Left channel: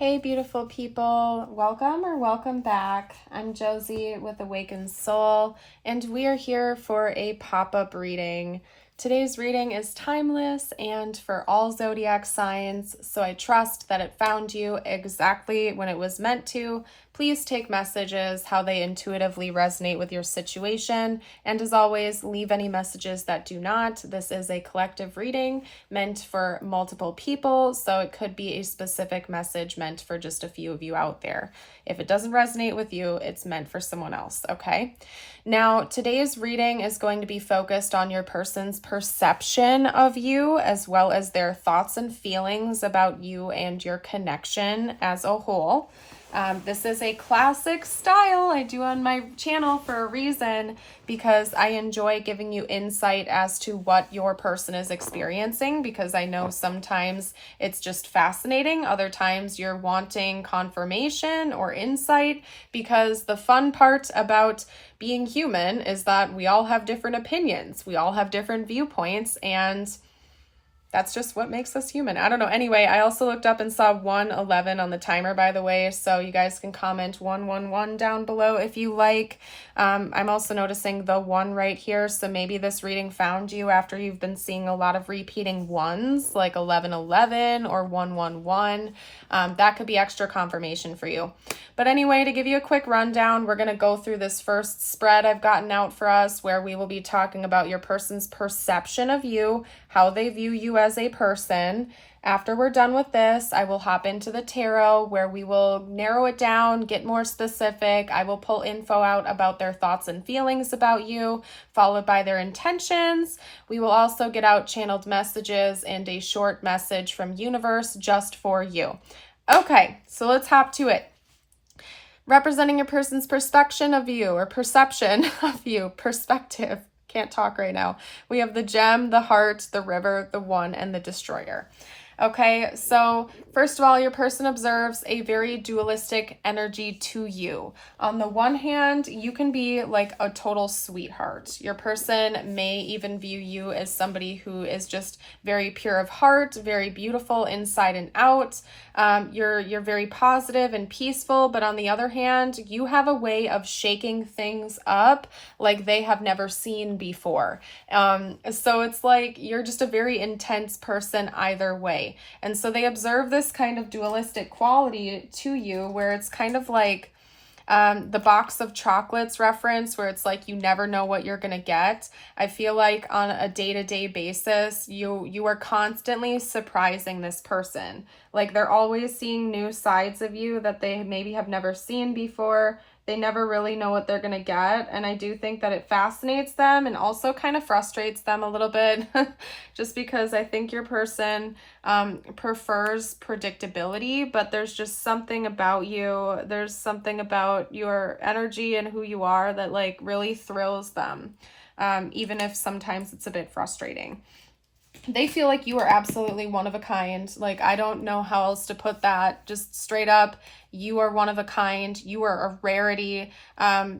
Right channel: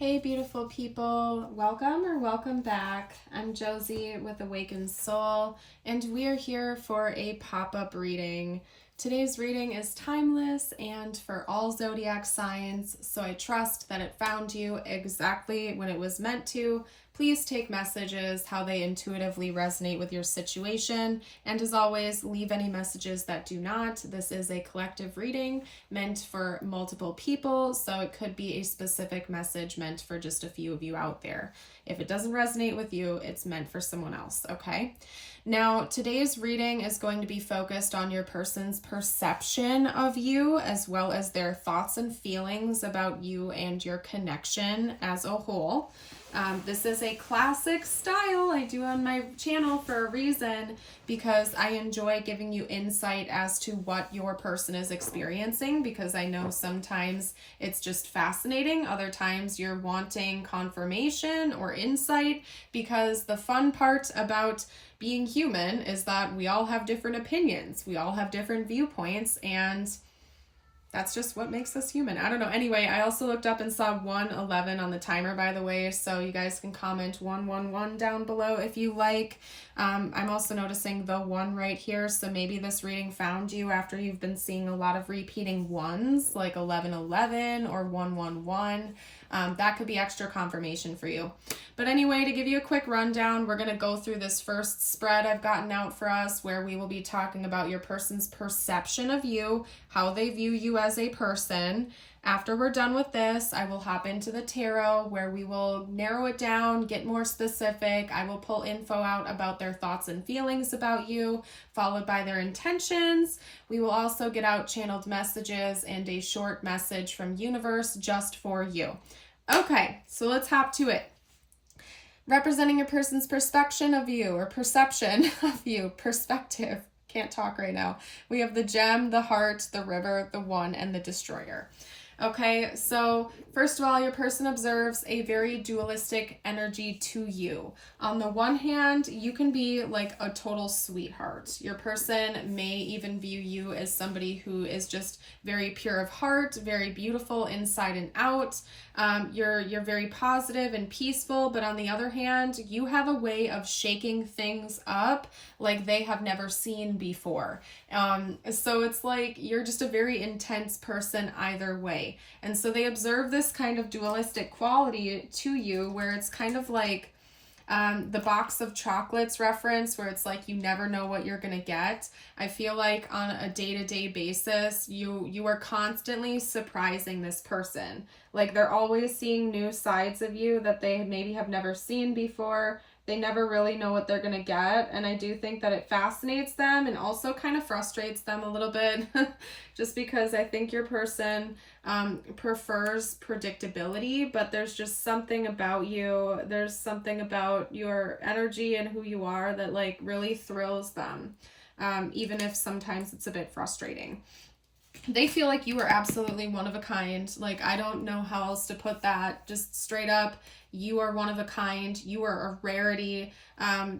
Hey, beautiful people. Welcome or welcome back. I'm Josie with Awakened Soul, and we are here for a pop-up reading. Today's reading is timeless and for all zodiac signs, so I trust that it found you exactly when it was meant to. Please take messages how they intuitively resonate with your situation, and as always, leave any messages that do not. This is a collective reading meant for multiple people, so it could be a specific message meant for just a few of you out there. If it doesn't resonate with you, it's meant for someone else, okay? Now, today's reading is going to be focused on your person's perception of you, as well as their thoughts and feelings about you and your connection as a whole. This is a classic style I do on my channel for a reason, because I enjoy giving you insight as to what your person is experiencing, because I know sometimes it's just fascinating. Other times you're wanting confirmation or insight, because the fun part about being human is that we all have different opinions. We all have different viewpoints, and that's just what makes us human. I don't know. Anyway, I also looked up and saw 111 on the timer, by the way, so you guys can comment 111 down below if you like. I'm also noticing the 1 right here, so maybe this reading found you after you've been seeing a lot of repeating 1s, like 1111 or 111. That could be extra confirmation for you. But anyway, to give you a quick rundown, we're going to go through this first spread I've gotten out for us, where we will be talking about your person's perception of you, how they view you as a person. After we're done with this, I will hop into the tarot, where we will narrow it down, get more specific. I will pull info out about their thoughts and feelings about you, followed by their intentions. We will also get out channeled messages and a short message from universe just for you. Okay, so let's hop to it. Representing a person's perception of you, or perception of you, perspective. Can't talk right now. We have the gem, the heart, the river, the 1, and the destroyer. Okay, so first of all, your person observes a very dualistic energy to you. On the one hand, you can be like a total sweetheart. Your person may even view you as somebody who is just very pure of heart, very beautiful inside and out. You're very positive and peaceful, but on the other hand, you have a way of shaking things up like they have never seen before. So it's like you're just a very intense person either way. And so they observe this kind of dualistic quality to you, where it's kind of like the box of chocolates reference, where it's like you never know what you're gonna get. I feel like on a day-to-day basis, you are constantly surprising this person. Like they're always seeing new sides of you that they maybe have never seen before. They never really know what they're gonna get, and I do think that it fascinates them and also kind of frustrates them a little bit, just because I think your person prefers predictability, but there's just something about you, there's something about your energy and who you are that like really thrills them, even if sometimes it's a bit frustrating. They feel like you are absolutely one of a kind. Like, I don't know how else to put that. Just straight up, you are one of a kind. You are a rarity.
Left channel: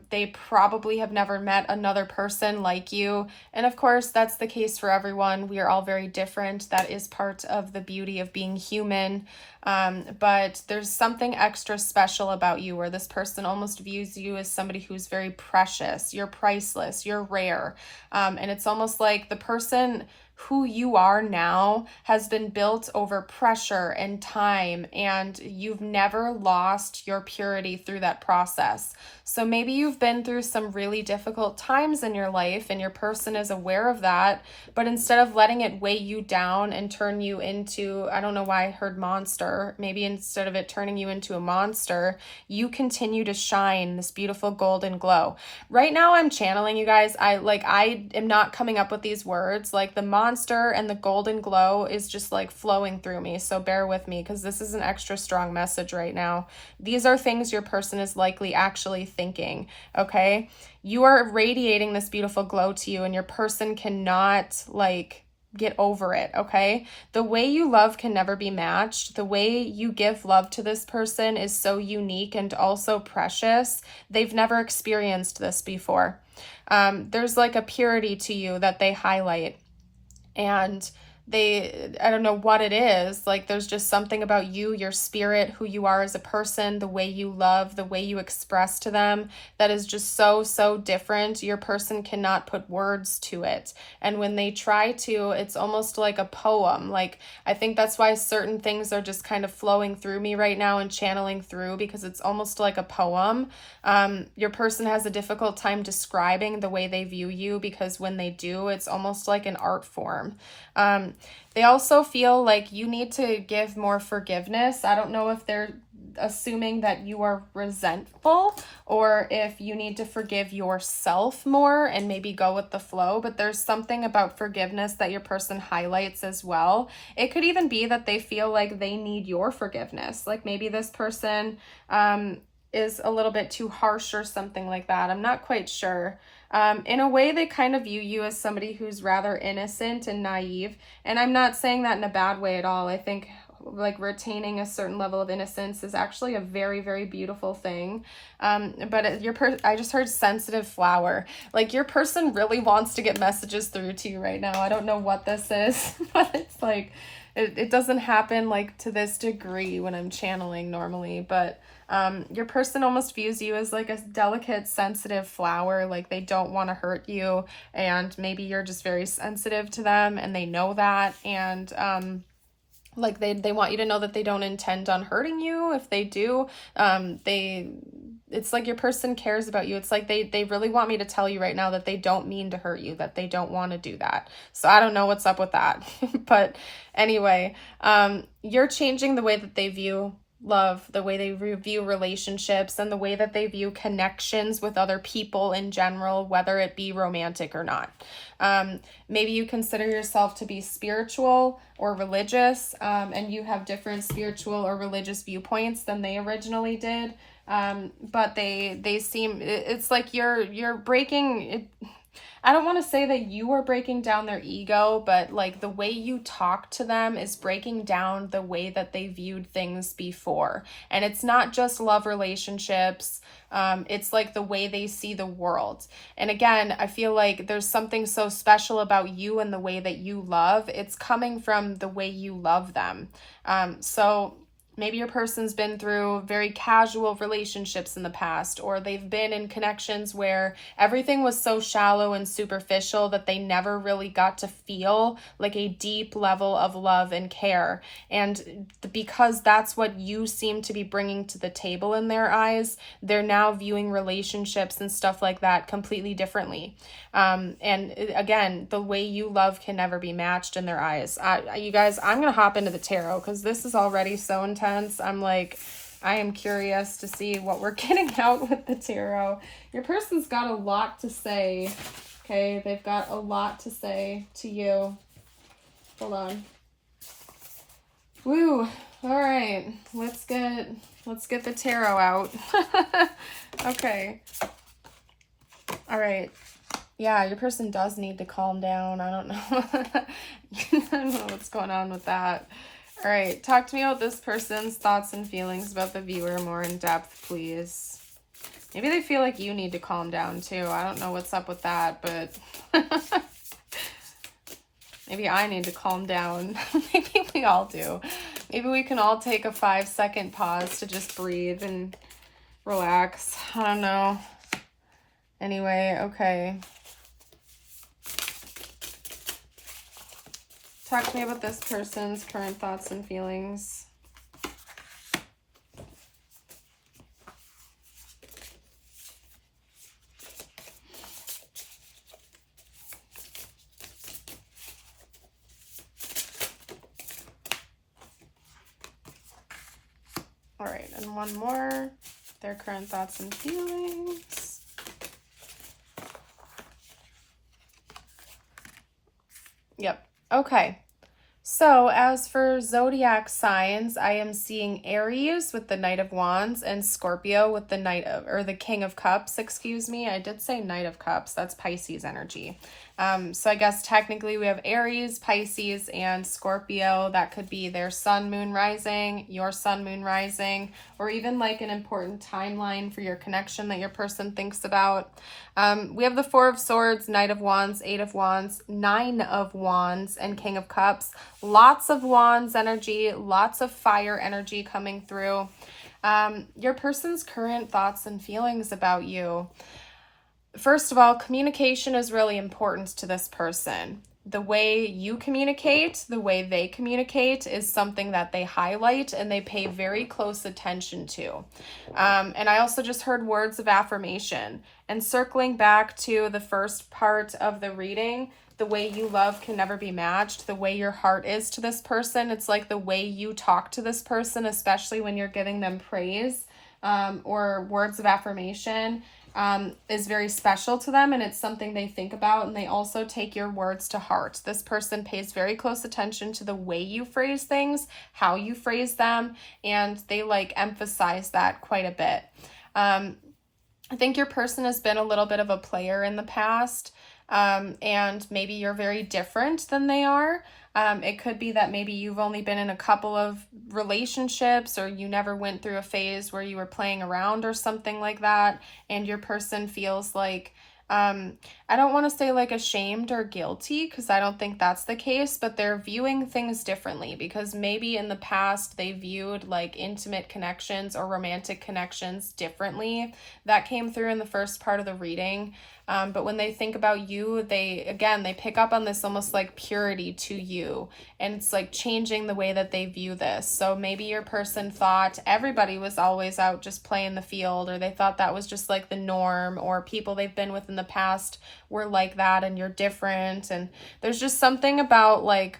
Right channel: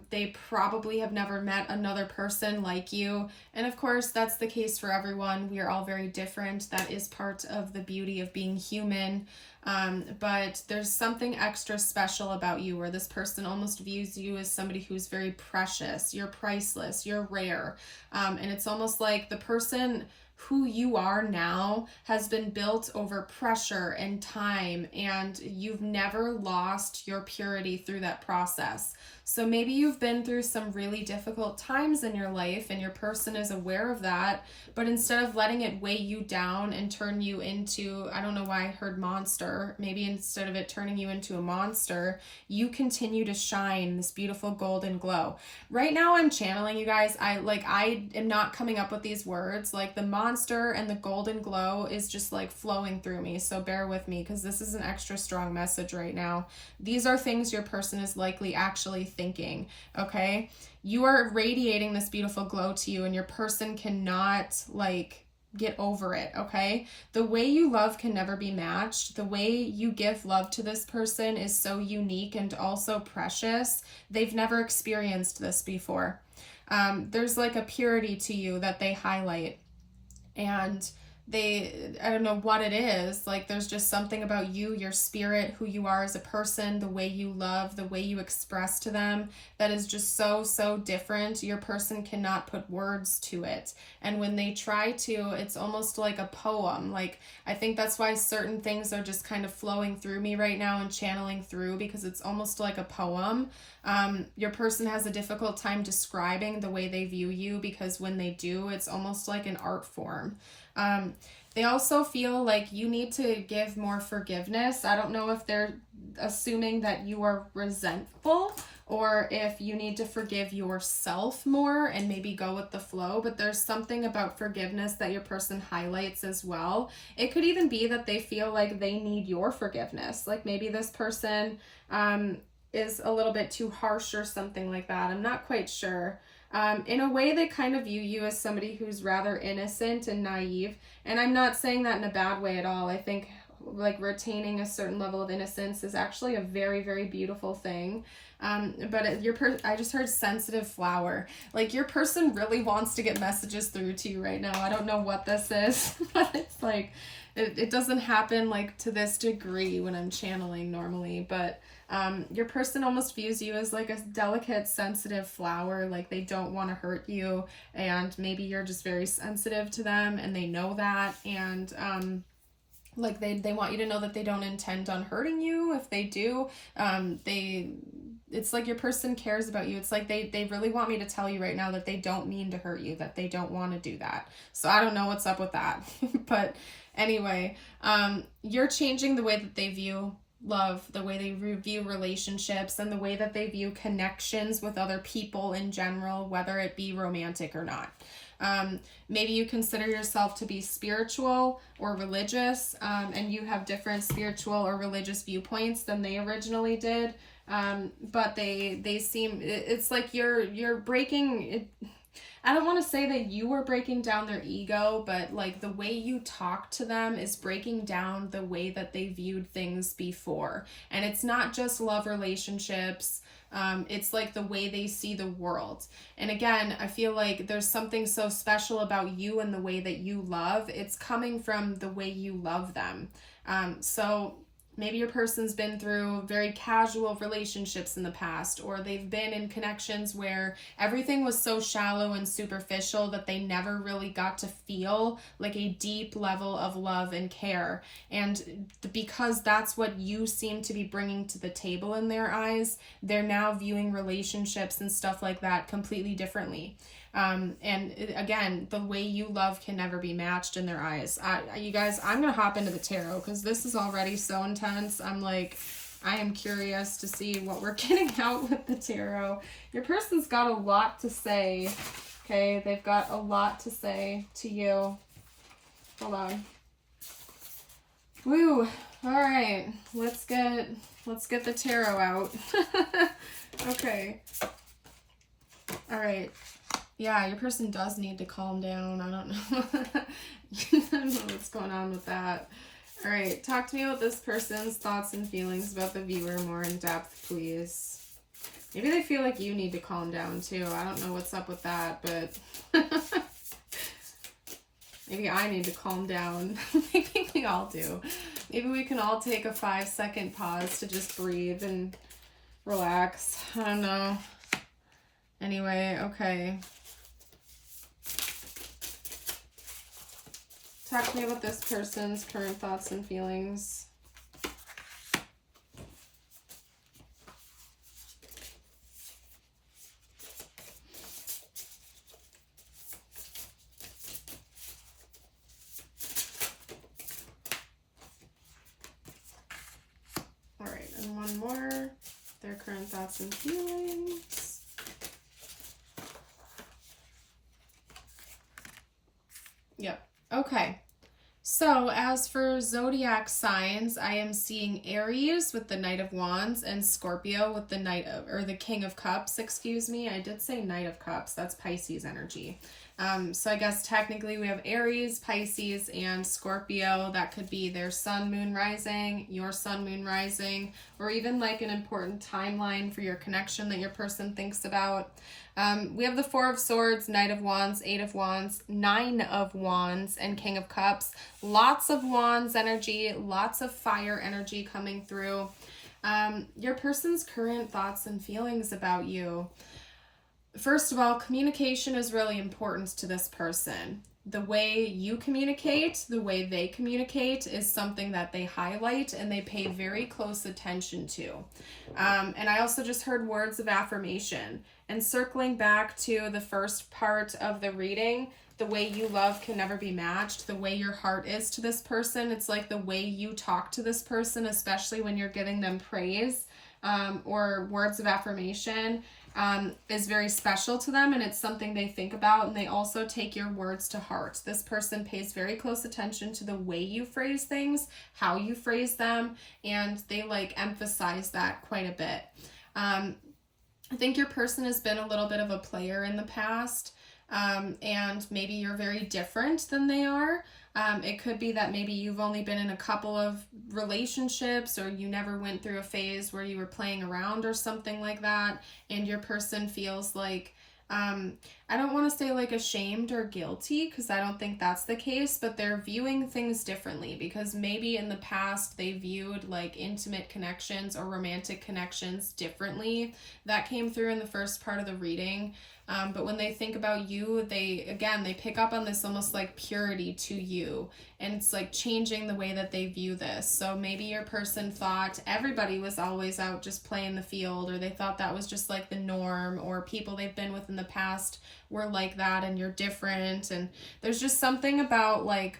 They probably have never met another person like you. And of course, that's the case for everyone. We are all very different. That is part of the beauty of being human. But there's something extra special about you, where this person almost views you as somebody who's very precious. You're priceless. You're rare. And it's almost like the person who you are now has been built over pressure and time, and you've never lost your purity through that process. So maybe you've been through some really difficult times in your life, and your person is aware of that, but instead of letting it weigh you down and turn you into, I don't know why I heard monster, maybe instead of it turning you into a monster, you continue to shine this beautiful golden glow. Right now I'm channeling, you guys. I am not coming up with these words. Like the monster and the golden glow is just like flowing through me, so bear with me, because this is an extra strong message right now. These are things your person is likely actually thinking, okay? You are radiating this beautiful glow to you, and your person cannot like get over it, okay? The way you love can never be matched. The way you give love to this person is so unique and also precious. They've never experienced this before. There's like a purity to you that they highlight. And I don't know what it is. Like there's just something about you, your spirit, who you are as a person, the way you love, the way you express to them that is just so, so different. Your person cannot put words to it. And when they try to, it's almost like a poem. Like I think that's why certain things are just kind of flowing through me right now and channeling through, because it's almost like a poem. Your person has a difficult time describing the way they view you, because when they do, it's almost like an art form. They also feel like you need to give more forgiveness. I don't know if they're assuming that you are resentful or if you need to forgive yourself more and maybe go with the flow, but there's something about forgiveness that your person highlights as well. It could even be that they feel like they need your forgiveness. Like maybe this person is a little bit too harsh or something like that. I'm not quite sure. In a way, they kind of view you as somebody who's rather innocent and naive. And I'm not saying that in a bad way at all. I think like retaining a certain level of innocence is actually a very, very beautiful thing. But I just heard sensitive flower. Like your person really wants to get messages through to you right now. I don't know what this is, but it's like, it doesn't happen like to this degree when I'm channeling normally, but your person almost views you as like a delicate, sensitive flower. Like they don't want to hurt you, and maybe you're just very sensitive to them and they know that, and like they want you to know that they don't intend on hurting you. If they do, it's like your person cares about you. It's like they really want me to tell you right now that they don't mean to hurt you, that they don't want to do that. So I don't know what's up with that. But anyway, you're changing the way that they view love, the way they view relationships, and the way that they view connections with other people in general, whether it be romantic or not. Maybe you consider yourself to be spiritual or religious, and you have different spiritual or religious viewpoints than they originally did. But they seem, it's like you're breaking it. I don't want to say that you are breaking down their ego, but like the way you talk to them is breaking down the way that they viewed things before. And it's not just love relationships. It's like the way they see the world. And again, I feel like there's something so special about you and the way that you love. It's coming from the way you love them. So maybe your person's been through very casual relationships in the past, or they've been in connections where everything was so shallow and superficial that they never really got to feel like a deep level of love and care. And because that's what you seem to be bringing to the table in their eyes, they're now viewing relationships and stuff like that completely differently. And again, the way you love can never be matched in their eyes. You guys, I'm going to hop into the tarot because this is already so intense. I am curious to see what we're getting out with the tarot. Your person's got a lot to say. Okay, they've got a lot to say to you. Hold on. Woo. All right, let's get the tarot out. Okay. All right. Yeah, your person does need to calm down. I don't know. I don't know what's going on with that. All right, talk to me about this person's thoughts and feelings about the viewer more in depth, please. Maybe they feel like you need to calm down too. I don't know what's up with that, but maybe I need to calm down. Maybe we all do. Maybe we can all take a 5-second pause to just breathe and relax. I don't know. Anyway, okay. Talk to me about this person's current thoughts and feelings. All right, and one more. Their current thoughts and feelings. Yep. Okay. So as for zodiac signs, I am seeing Aries with the Knight of Wands and Scorpio with the King of Cups, excuse me. I did say Knight of Cups. That's Pisces energy. So I guess technically we have Aries, Pisces, and Scorpio. That could be their sun, moon, rising, your sun, moon, rising, or even like an important timeline for your connection that your person thinks about. We have the Four of Swords, Knight of Wands, Eight of Wands, Nine of Wands, and King of Cups. Lots of Wands energy, lots of fire energy coming through. Your person's current thoughts and feelings about you. First of all, communication is really important to this person. The way you communicate, the way they communicate is something that they highlight and they pay very close attention to. And I also just heard words of affirmation. And circling back to the first part of the reading, the way you love can never be matched. The way your heart is to this person, it's like the way you talk to this person, especially when you're giving them praise or words of affirmation. Is very special to them, and it's something they think about, and they also take your words to heart. This person pays very close attention to the way you phrase things, how you phrase them, and they like emphasize that quite a bit. I think your person has been a little bit of a player in the past, and maybe you're very different than they are. It could be that maybe you've only been in a couple of relationships, or you never went through a phase where you were playing around or something like that, and your person feels like, I don't want to say like ashamed or guilty, because I don't think that's the case, but they're viewing things differently because maybe in the past they viewed like intimate connections or romantic connections differently. That came through in the first part of the reading. But when they think about you, they pick up on this almost like purity to you, and it's like changing the way that they view this. So maybe your person thought everybody was always out just playing the field, or they thought that was just like the norm, or people they've been with in the past were like that and you're different. And there's just something about like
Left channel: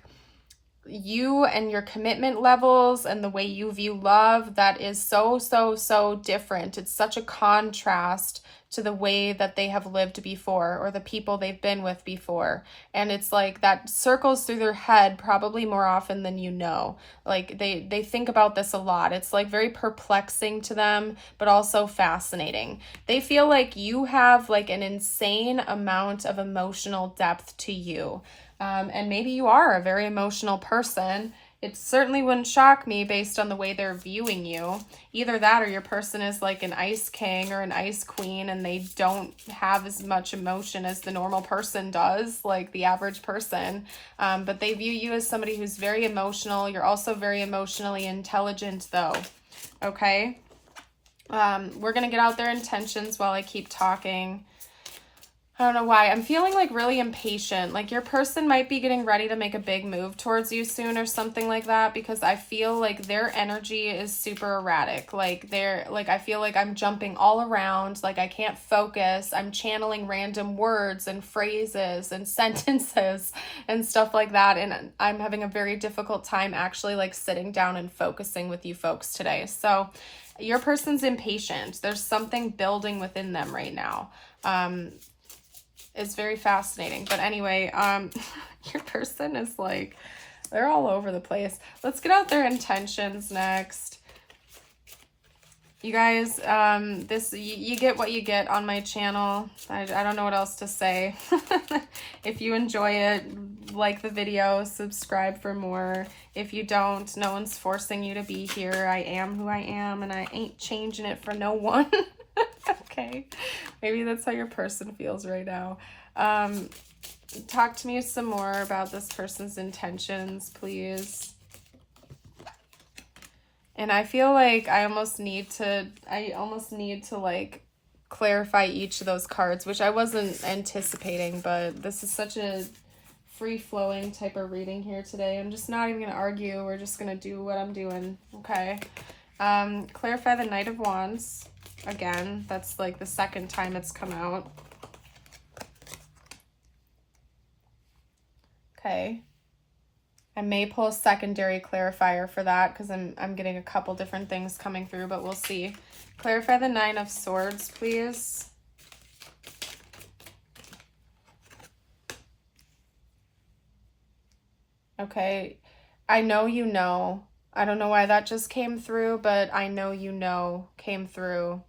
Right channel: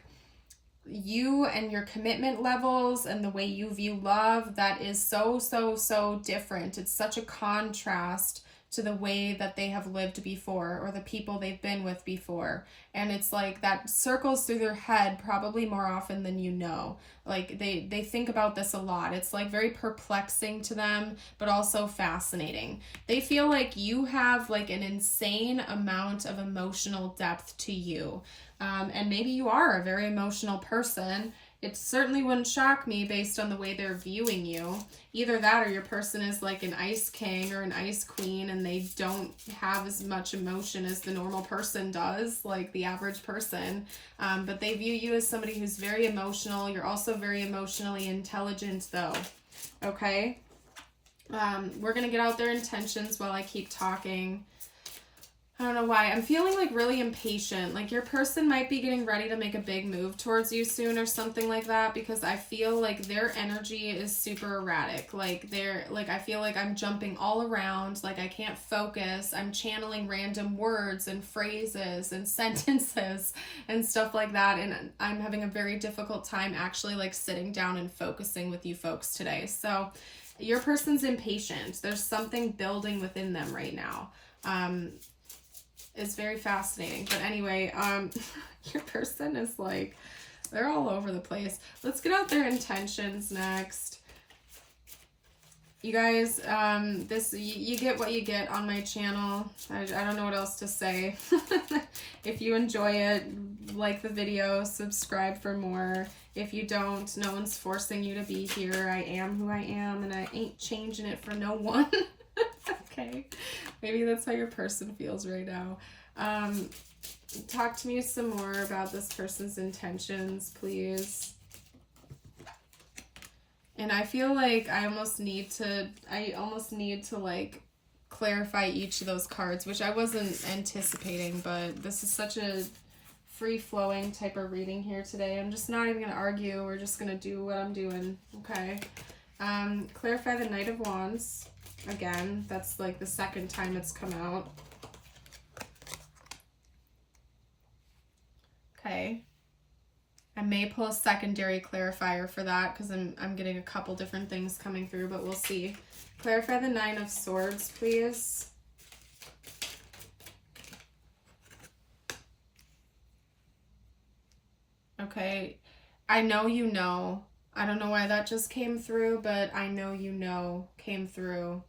you and your commitment levels and the way you view love that is so different. It's such a contrast to the way that they have lived before, or the people they've been with before. And it's like that circles through their head probably more often than you know. Like they think about this a lot. It's like very perplexing to them, but also fascinating. They feel like you have like an insane amount of emotional depth to you. And maybe you are a very emotional person. It certainly wouldn't shock me based on the way they're viewing you. Either that, or your person is like an ice king or an ice queen, and they don't have as much emotion as the normal person does, like the average person. But they view you as somebody who's very emotional. You're also very emotionally intelligent though. Okay. We're going to get out their intentions while I keep talking. I don't know why. I'm feeling like really impatient. Like your person might be getting ready to make a big move towards you soon or something like that, because I feel like their energy is super erratic. Like I feel like I'm jumping all around. Like I can't focus. I'm channeling random words and phrases and sentences and stuff like that. And I'm having a very difficult time actually like sitting down and focusing with you folks today. So your person's impatient. There's something building within them right now. It's very fascinating. But anyway, your person is like, they're all over the place. Let's get out their intentions next. You guys, you get what you get on my channel. I don't know what else to say. If you enjoy it, like the video, subscribe for more. If you don't, no one's forcing you to be here. I am who I am, and I ain't changing it for no one. Okay, maybe that's how your person feels right now. Talk to me some more about this person's intentions, please. And I feel like I almost need to like clarify each of those cards, which I wasn't anticipating, but this is such a free-flowing type of reading here today. I'm just not even gonna argue. We're just gonna do what I'm doing. Okay. Clarify the Knight of Wands. Again, that's like the second time it's come out. Okay. I may pull a secondary clarifier for that because I'm getting a couple different things coming through, but we'll see. Clarify the Nine of Swords, please. Okay. I know you know. I don't know why that just came through, but I know you know came through.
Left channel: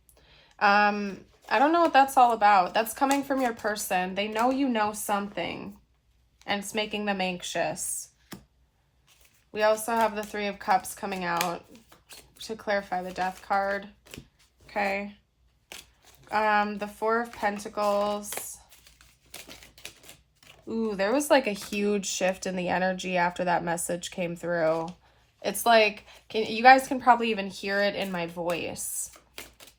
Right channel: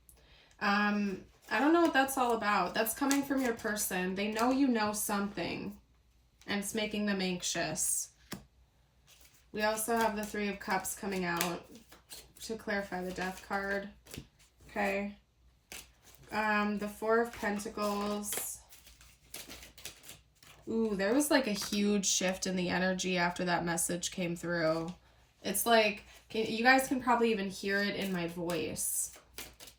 I don't know what that's all about. That's coming from your person. They know you know something, and it's making them anxious. We also have the Three of Cups coming out to clarify the Death card. Okay. The Four of Pentacles. Ooh, there was like a huge shift in the energy after that message came through. It's like, you guys can probably even hear it in my voice.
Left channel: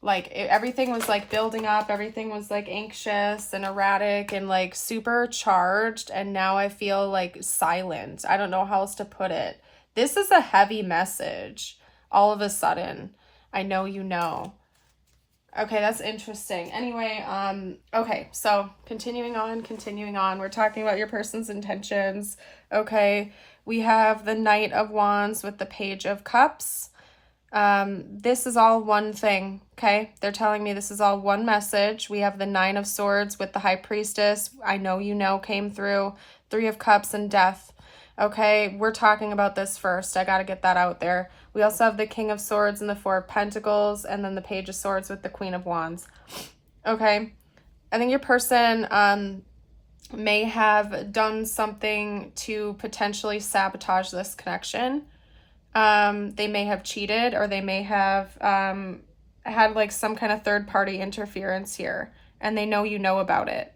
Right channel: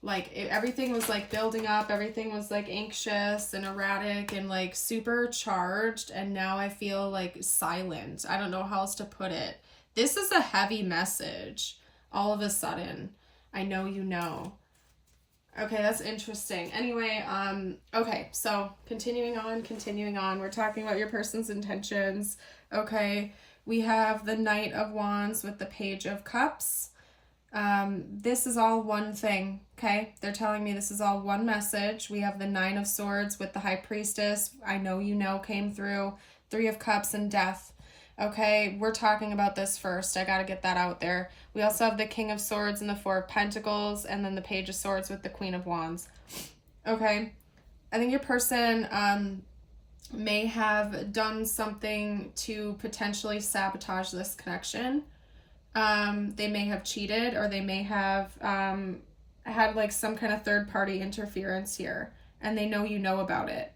Like, everything was like building up. Everything was like anxious and erratic and like super charged. And now I feel like silent. I don't know how else to put it. This is a heavy message. All of a sudden, I know you know. Okay, that's interesting. Anyway, okay, so continuing on. We're talking about your person's intentions. Okay, we have the Knight of Wands with the Page of Cups. This is all one thing, okay? They're telling me this is all one message. We have the Nine of Swords with the High Priestess. I know you know came through. Three of Cups and Death. Okay, we're talking about this first. I gotta get that out there. We also have the King of Swords and the Four of Pentacles, and then the Page of Swords with the Queen of Wands. Okay, I think your person may have done something to potentially sabotage this connection. They may have cheated, or they may have had like some kind of third-party interference here, and they know you know about it.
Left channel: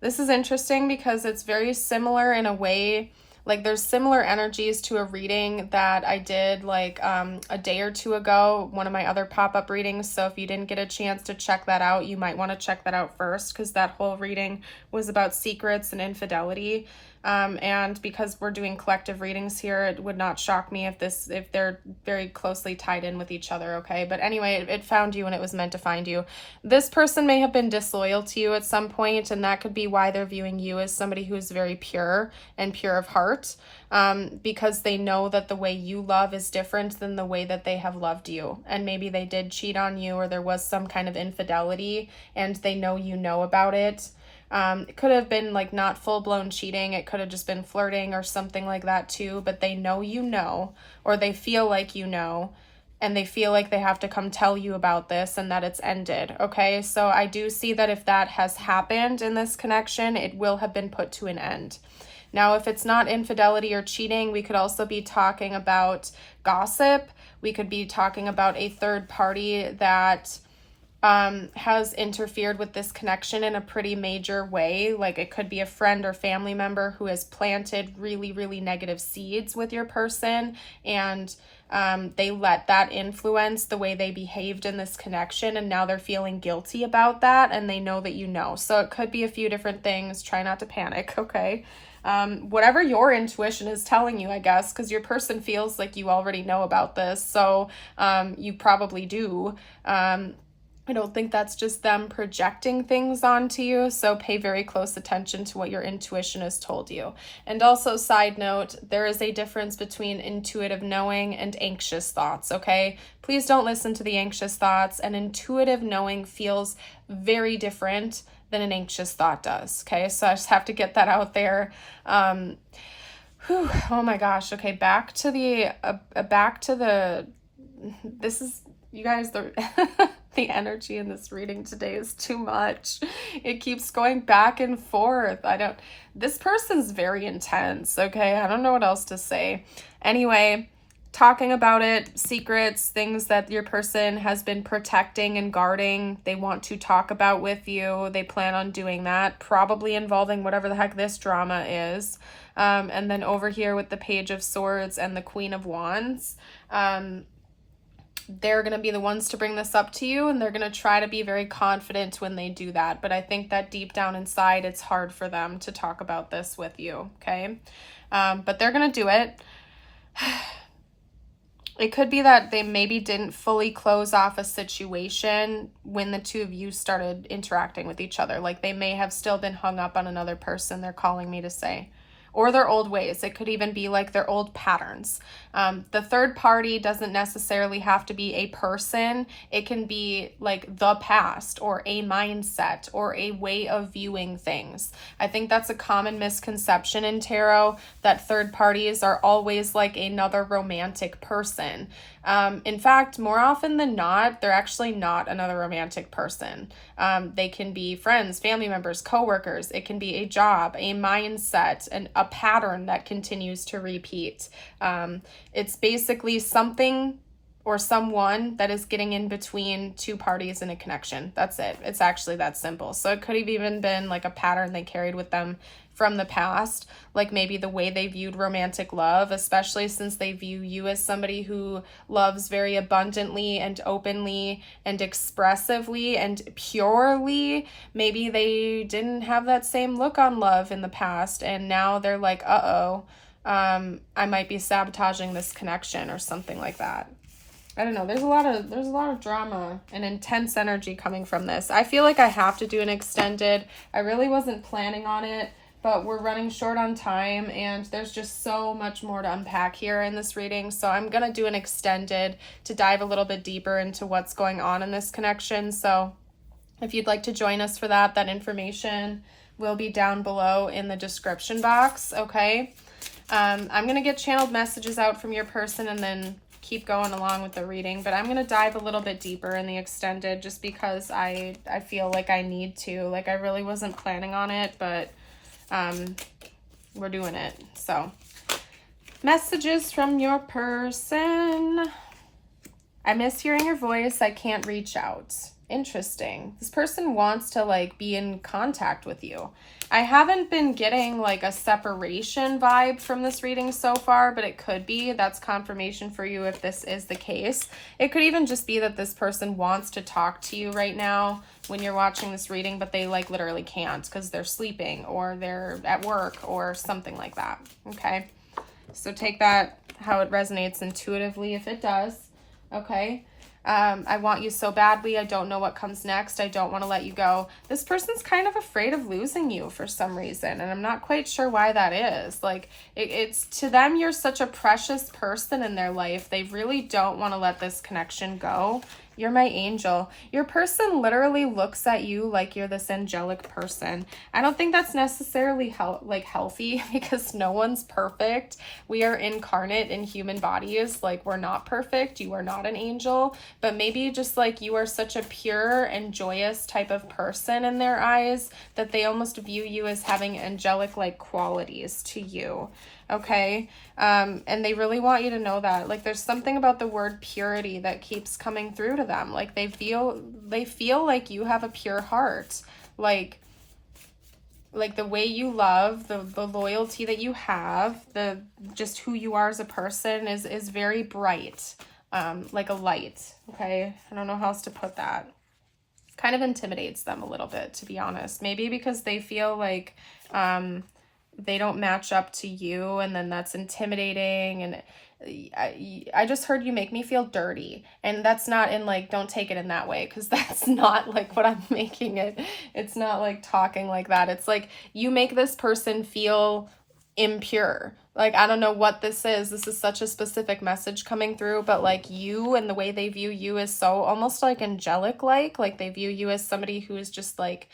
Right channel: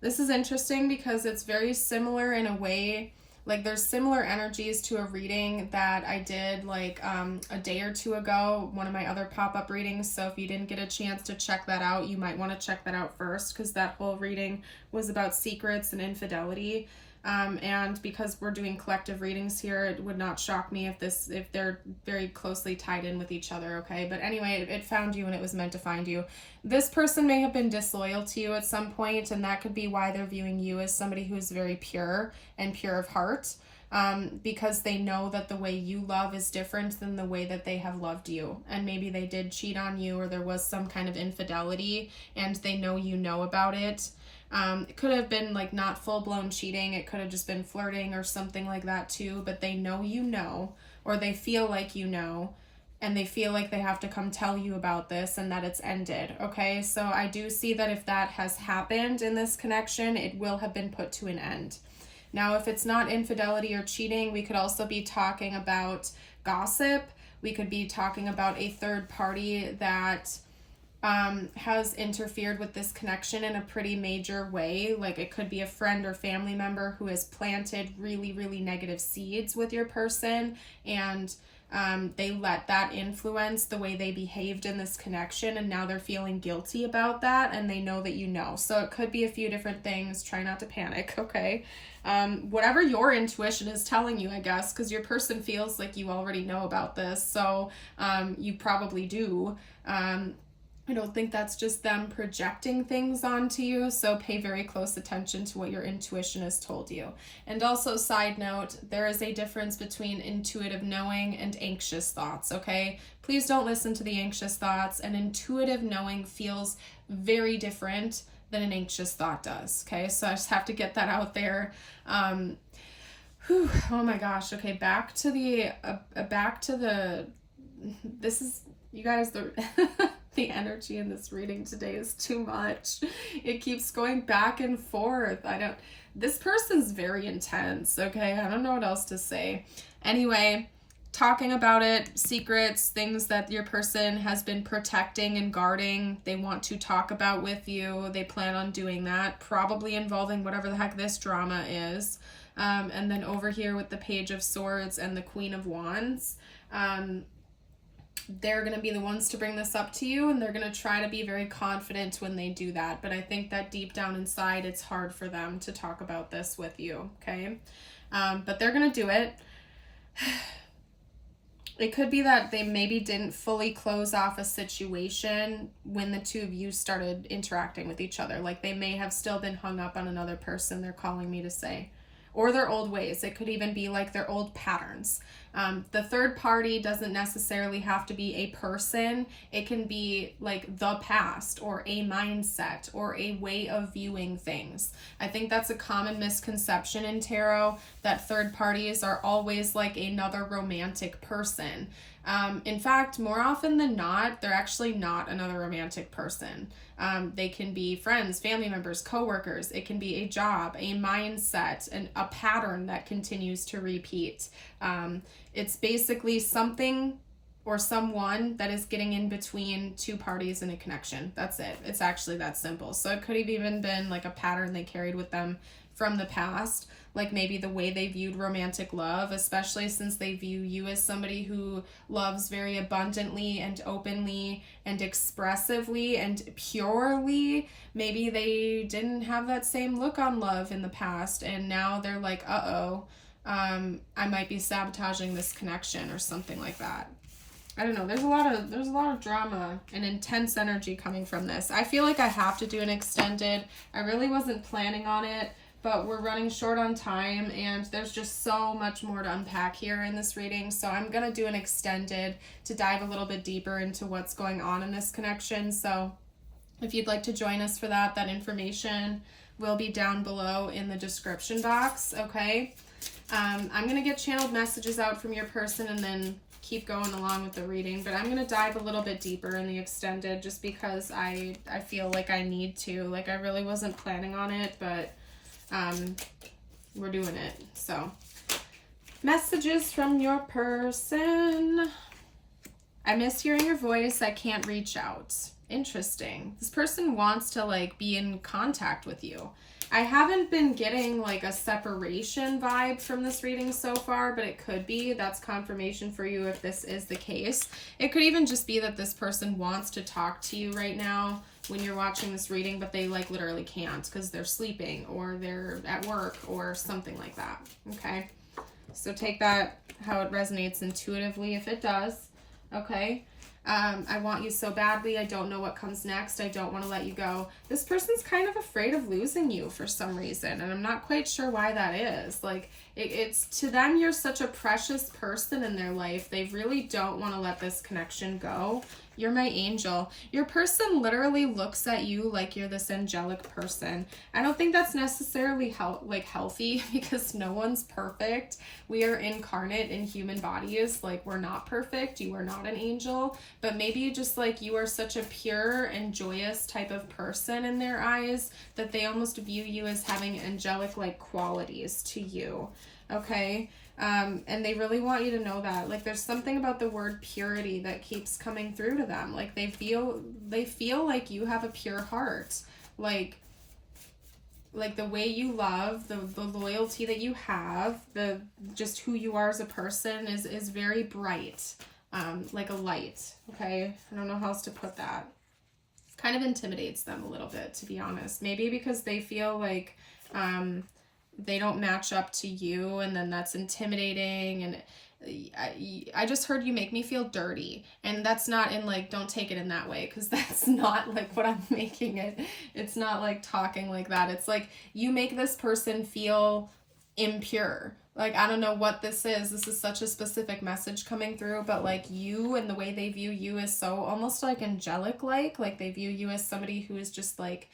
This is interesting because it's very similar in a way. Like, there's similar energies to a reading that I did like a day or two ago, one of my other pop-up readings. So if you didn't get a chance to check that out, you might want to check that out first, because that whole reading was about secrets and infidelity. And because we're doing collective readings here, it would not shock me if they're very closely tied in with each other, okay? But anyway, it found you and it was meant to find you. This person may have been disloyal to you at some point, and that could be why they're viewing you as somebody who's very pure and pure of heart, because they know that the way you love is different than the way that they have loved you. And maybe they did cheat on you, or there was some kind of infidelity, and they know you know about it. It could have been like not full-blown cheating. It could have just been flirting or something like that too, but they know you know, or they feel like you know, and they feel like they have to come tell you about this and that it's ended, okay? So I do see that if that has happened in this connection, it will have been put to an end. Now, if it's not infidelity or cheating, we could also be talking about gossip. We could be talking about a third party that has interfered with this connection in a pretty major way. Like, it could be a friend or family member who has planted really, really negative seeds with your person, and they let that influence the way they behaved in this connection, and now they're feeling guilty about that, and they know that you know. So it could be a few different things. Try not to panic, okay? Whatever your intuition is telling you, I guess, because your person feels like you already know about this, so you probably do. I don't think that's just them projecting things onto you, so pay very close attention to what your intuition has told you. And also, side note, there is a difference between intuitive knowing and anxious thoughts, okay? Please don't listen to the anxious thoughts. An intuitive knowing feels very different than an anxious thought does, okay? So I just have to get that out there. Oh my gosh. Okay, back to the, this is, you guys, the energy in this reading today is too much. It keeps going back and forth. This person's very intense, okay? I don't know what else to say. Anyway, talking about it, secrets, things that your person has been protecting and guarding, they want to talk about with you. They plan on doing that, probably involving whatever the heck this drama is. And then over here with the Page of Swords and the Queen of Wands, they're going to be the ones to bring this up to you, and they're going to try to be very confident when they do that. But I think that deep down inside, it's hard for them to talk about this with you, okay? But they're going to do it. It could be that they maybe didn't fully close off a situation when the two of you started interacting with each other. Like, they may have still been hung up on another person, they're calling me to say. Or their old ways. It could even be like their old patterns. The third party doesn't necessarily have to be a person. It can be like the past, or a mindset, or a way of viewing things. I think that's a common misconception in tarot, that third parties are always like another romantic person. In fact, more often than not, they're actually not another romantic person. They can be friends, family members, coworkers. It can be a job, a mindset, and a pattern that continues to repeat. It's basically something or someone that is getting in between two parties in a connection. That's it. It's actually that simple. So it could have even been like a pattern they carried with them from the past, like maybe the way they viewed romantic love, especially since they view you as somebody who loves very abundantly and openly and expressively and purely. Maybe they didn't have that same look on love in the past, and now they're like, I might be sabotaging this connection or something like that. I don't know. There's a lot of drama and intense energy coming from this. I feel like I have to do an extended. I really wasn't planning on it, but we're running short on time and there's just so much more to unpack here in this reading. So I'm going to do an extended to dive a little bit deeper into what's going on in this connection. So if you'd like to join us for that, that information will be down below in the description box. Okay. I'm going to get channeled messages out from your person and then keep going along with the reading, but I'm going to dive a little bit deeper in the extended just because I feel like I need to. Like, I really wasn't planning on it, but we're doing it. So, messages from your person. I miss hearing your voice. I can't reach out. Interesting. This person wants to like be in contact with you. I haven't been getting like a separation vibe from this reading so far, but it could be. That's confirmation for you if this is the case. It could even just be that this person wants to talk to you right now when you're watching this reading, but they like literally can't because they're sleeping or they're at work or something like that. Okay. So take that how it resonates intuitively if it does. Okay. I want you so badly. I don't know what comes next. I don't want to let you go. This person's kind of afraid of losing you for some reason, and I'm not quite sure why that is. Like, it's to them, you're such a precious person in their life. They really don't want to let this connection go. You're my angel. Your person literally looks at you like you're this angelic person. I don't think that's necessarily healthy because no one's perfect. We are incarnate in human bodies. Like, we're not perfect. You are not an angel, but maybe just like you are such a pure and joyous type of person in their eyes that they almost view you as having angelic like qualities to you. Okay. And they really want you to know that. Like, there's something about the word purity that keeps coming through to them. Like, they feel like you have a pure heart. Like the way you love, the loyalty that you have, the just who you are as a person is very bright. Like a light. Okay. I don't know how else to put that. Kind of intimidates them a little bit, to be honest. Maybe because they feel like, they don't match up to you, and then that's intimidating. And I just heard you make me feel dirty, and that's not in like, don't take it in that way, because that's not like what I'm making it. It's not like talking like that. It's like you make this person feel impure. Like, I don't know what this is. This is such a specific message coming through, but like you and the way they view you is so almost like angelic like they view you as somebody who is just like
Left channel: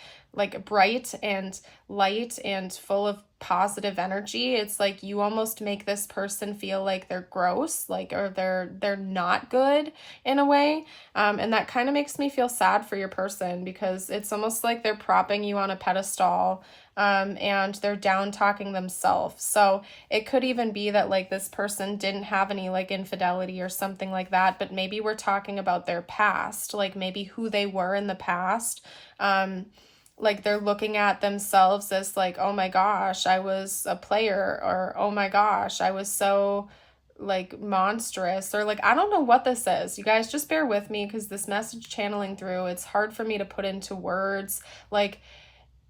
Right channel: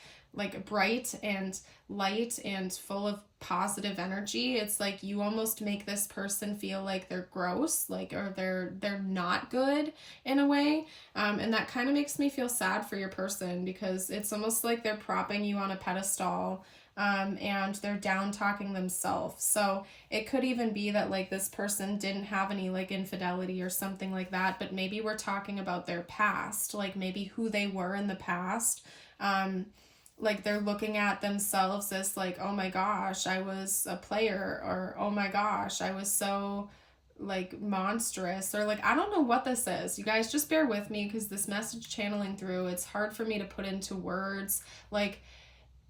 bright and light and full of positive energy. It's like you almost make this person feel like they're gross, like, or they're not good in a way. And that kind of makes me feel sad for your person because it's almost like they're propping you on a pedestal. And they're down talking themselves. So it could even be that like this person didn't have any like infidelity or something like that, but maybe we're talking about their past, like maybe who they were in the past. Like they're looking at themselves as like, oh my gosh, I was a player, or oh my gosh, I was so like monstrous, or like, I don't know what this is. You guys just bear with me because this message channeling through, it's hard for me to put into words. Like,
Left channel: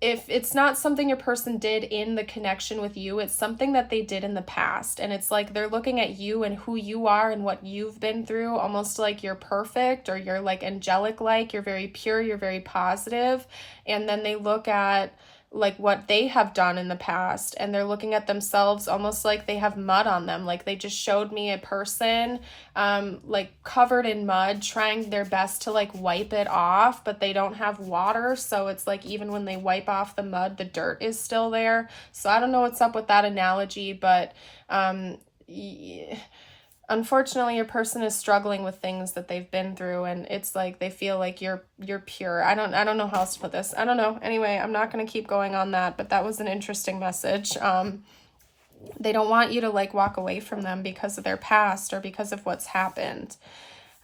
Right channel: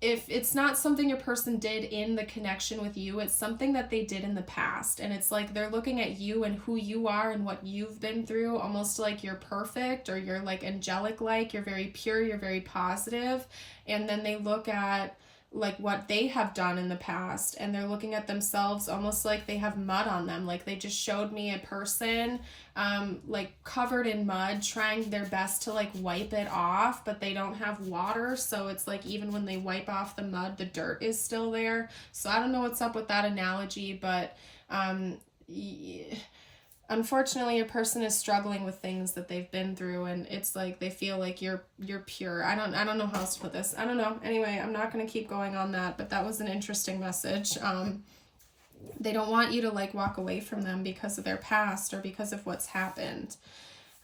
if it's not something your person did in the connection with you, it's something that they did in the past. And it's like they're looking at you and who you are and what you've been through, almost like you're perfect, or you're like angelic, like you're very pure, you're very positive. And then they look at like what they have done in the past, and they're looking at themselves almost like they have mud on them. Like, they just showed me a person like covered in mud trying their best to like wipe it off, but they don't have water, so it's like even when they wipe off the mud, the dirt is still there. So I don't know what's up with that analogy, but unfortunately, a person is struggling with things that they've been through, and it's like they feel like you're pure. I don't know how else to put this. I don't know. Anyway, I'm not going to keep going on that, but that was an interesting message. They don't want you to like walk away from them because of their past or because of what's happened.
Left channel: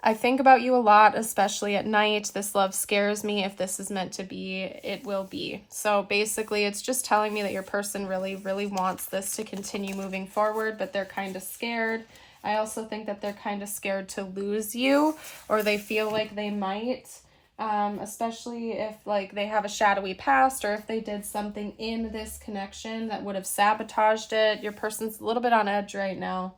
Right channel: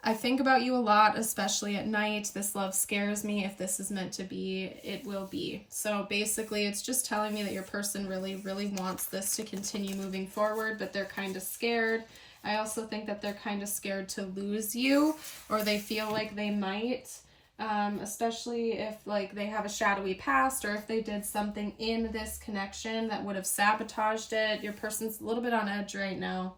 I think about you a lot, especially at night. This love scares me. If this is meant to be, it will be. So basically, it's just telling me that your person really, really wants this to continue moving forward, but they're kind of scared. I also think that they're kind of scared to lose you, or they feel like they might, especially if like they have a shadowy past, or if they did something in this connection that would have sabotaged it. Your person's a little bit on edge right now.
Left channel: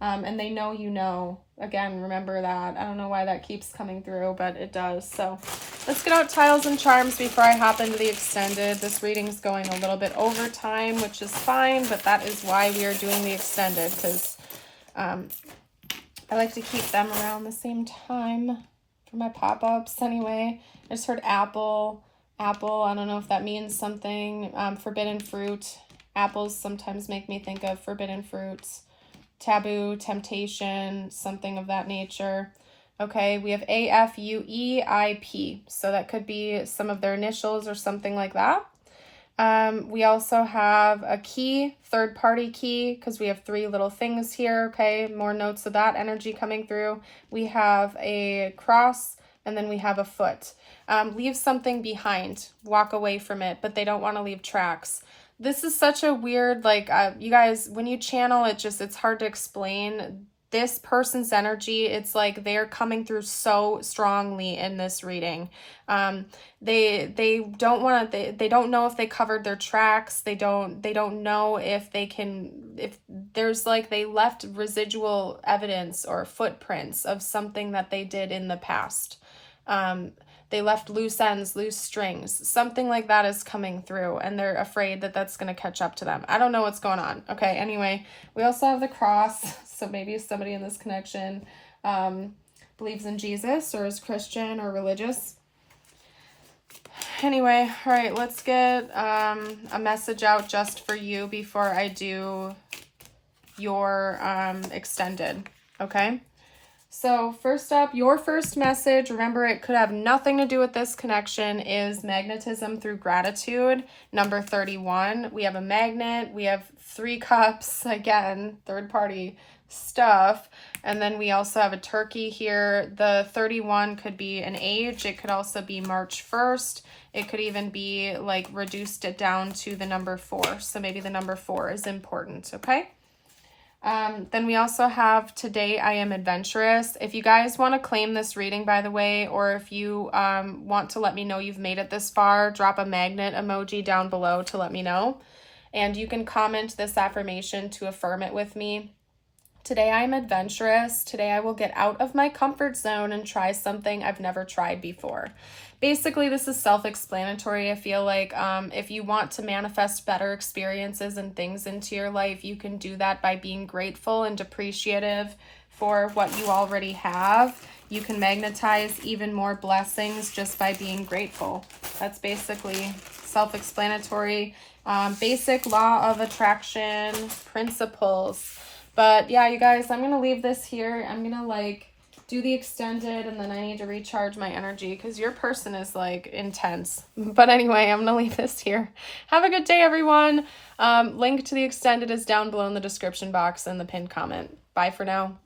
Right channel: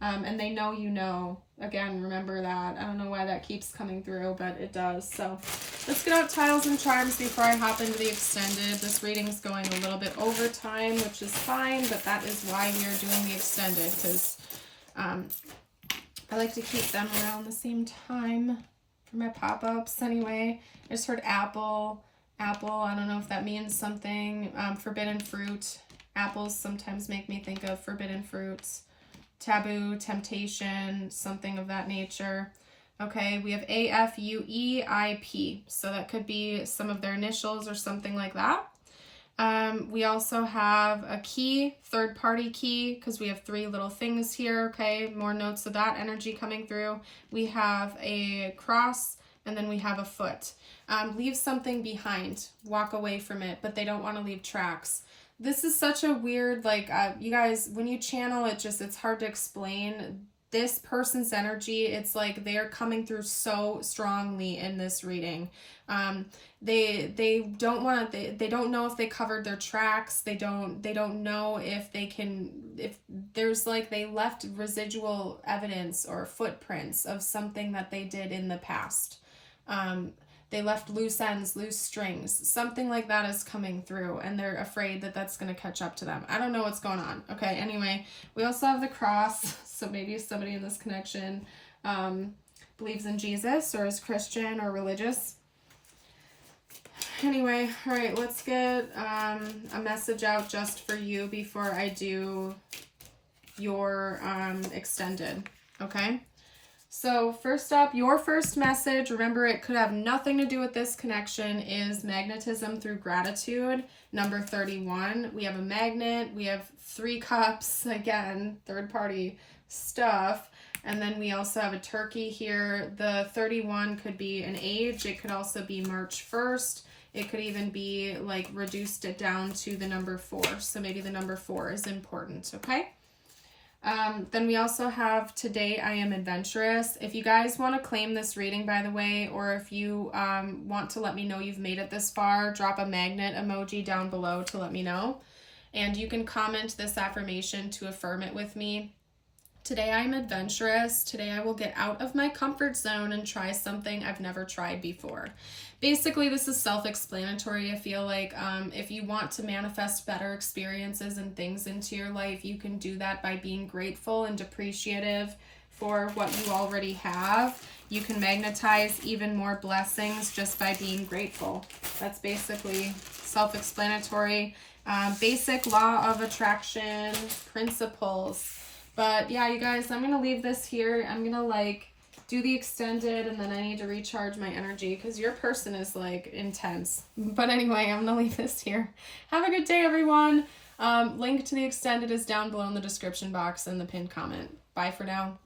And they know you know. Again, remember that. I don't know why that keeps coming through, but it does. So let's get out tiles and charms before I hop into the extended. This reading is going a little bit over time, which is fine, but that is why we are doing the extended, because I like to keep them around the same time for my pop-ups. Anyway, I just heard apple. I don't know if that means something. Forbidden fruit. Apples sometimes make me think of forbidden fruits. Taboo, temptation, something of that nature. Okay, we have AFUEIP, so that could be some of their initials or something like that. We also have a key, third-party key, because we have 3 little things here. Okay, more notes of that energy coming through. We have a cross, and then we have a foot. Leave something behind, walk away from it, but they don't want to leave tracks. This is such a weird, like, you guys, when you channel, it's hard to explain. This person's energy, it's like they're coming through so strongly in this reading. They don't want to, they don't know if they covered their tracks. They don't know if they can, if there's like, they left residual evidence or footprints of something that they did in the past. They left loose ends, loose strings. Something like that is coming through, and they're afraid that that's going to catch up to them. I don't know what's going on. Okay, anyway, we also have the cross. So maybe somebody in this connection believes in Jesus or is Christian or religious. Anyway, all right, let's get a message out just for you before I do your extended, okay? So first up, your first message, remember it could have nothing to do with this connection, is magnetism through gratitude, number 31. We have a magnet, we have 3 cups, again, third party stuff, and then we also have a turkey here. The 31 could be an age, it could also be March 1st, it could even be like reduced it down to the number 4, so maybe the number 4 is important, okay? Then we also have today I am adventurous. If you guys want to claim this reading, by the way, or if you want to let me know you've made it this far, drop a magnet emoji down below to let me know. And you can comment this affirmation to affirm it with me. Today I am adventurous. Today I will get out of my comfort zone and try something I've never tried before. Basically, this is self-explanatory. I feel like if you want to manifest better experiences and things into your life, you can do that by being grateful and appreciative for what you already have. You can magnetize even more blessings just by being grateful. That's basically self-explanatory. Basic law of attraction principles. But yeah, you guys, I'm going to leave this here. I'm going to like do the extended, and then I need to recharge my energy because your person is like intense. But anyway, I'm going to leave this here. Have a good day, everyone. Link to the extended is down below in the description box and the pinned comment. Bye for now.